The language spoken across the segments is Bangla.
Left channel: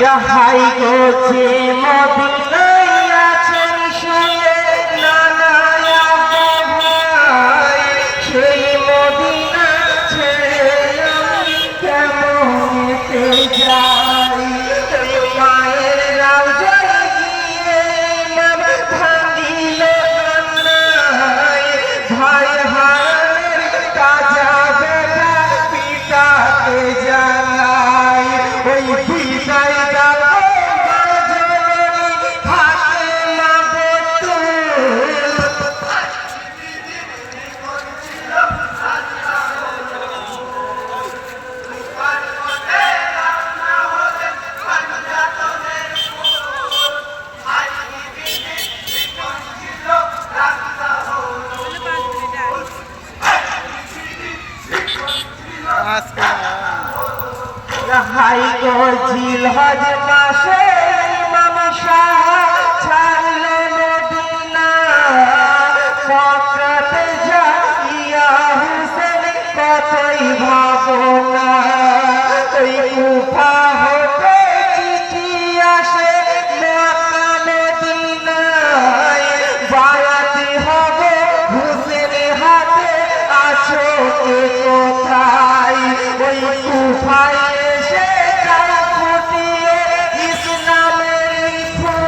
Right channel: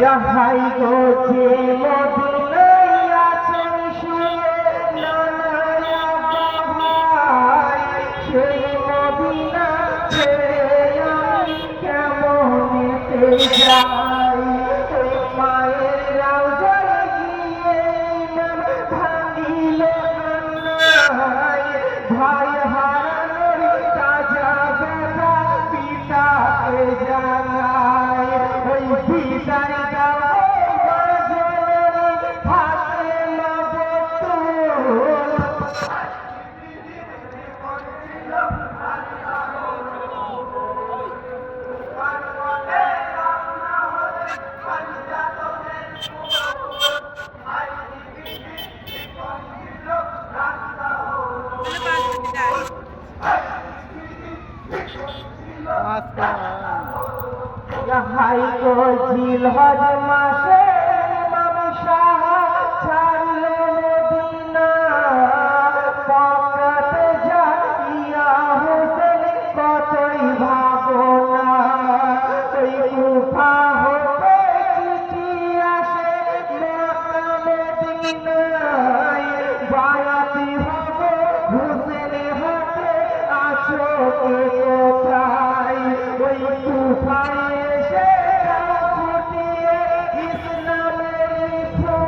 হাই গো যে মদিনায় আছেন শুয়ে নানা ভাই, সেই মদিনা ছেড়ে আমি কেমনেতে যাই। ওই মায়ের রাউজায় গিয়ে ইমাম ভাঙিল কান্নায়, ভাই হারানোর তাজা ব্যথা পিতাকে জানাই। ওই বিদায় দাও জননী ফাতেমা বতুল। হাই গো জিলহজ মাসে ইমাম শাহ ছাড়ল মদিনা, ফকরতে জাকিয়া হুসেন কতই ভাবনা। ওই কুফা হতে চিঠি আসে মক্কা মদিনায়, বায়াতি হব হুসেন হাতে আছো কে কোথায়। ওই কুফায় এসে তারা ফুটিয়ে ইসলামের ফুল।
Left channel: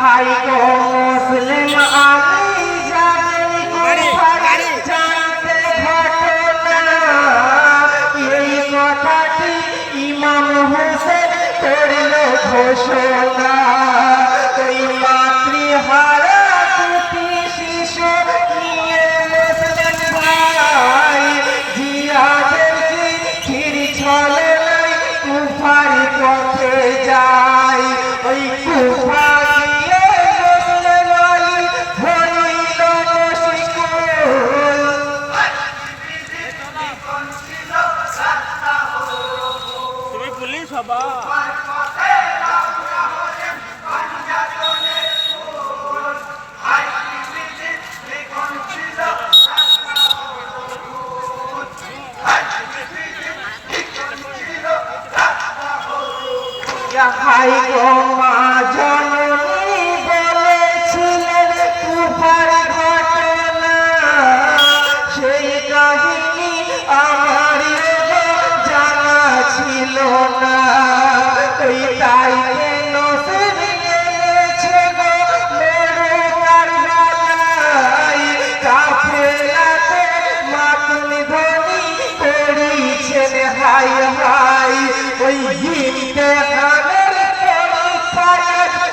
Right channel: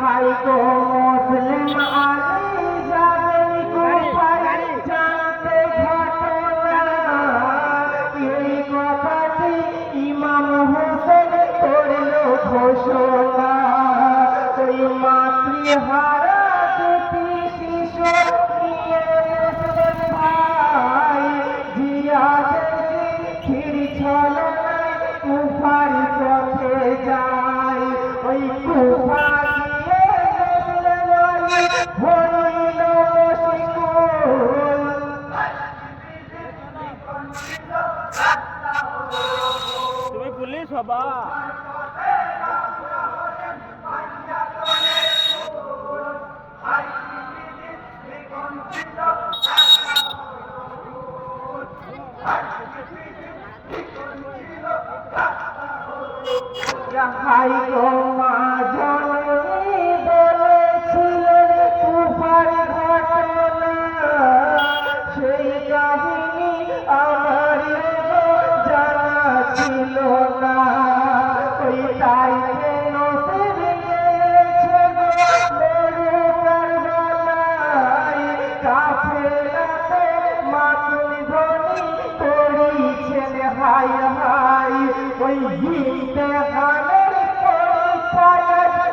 হাই গো মুসলিম আমি জানি কুফার জানতে ঘটনা, এই কথাটি ইমাম হোসেন করল ঘোষণা। ওই মাতৃহারা দুটি শিশু নিয়ে মুসলিম ভাই জিহাদের চিঠির ছলনায় কুফার পথে যায়। ওই কুফা গিয়ে মুসলিম আলী হইল মুশকিল। তুমি পুলিশ হবা। হাই গো মা জননী বলেছিলেন কুফার ঘটনা, সেই কাহিনী আমার জানা ছিল না। ওই তাই নসিব গেছে গো মরু কারবালায়, কাফেলাতে মাতুল ধ্বনি করেছেন হাই হাই। ওই ইমতিহানের পরীক্ষায়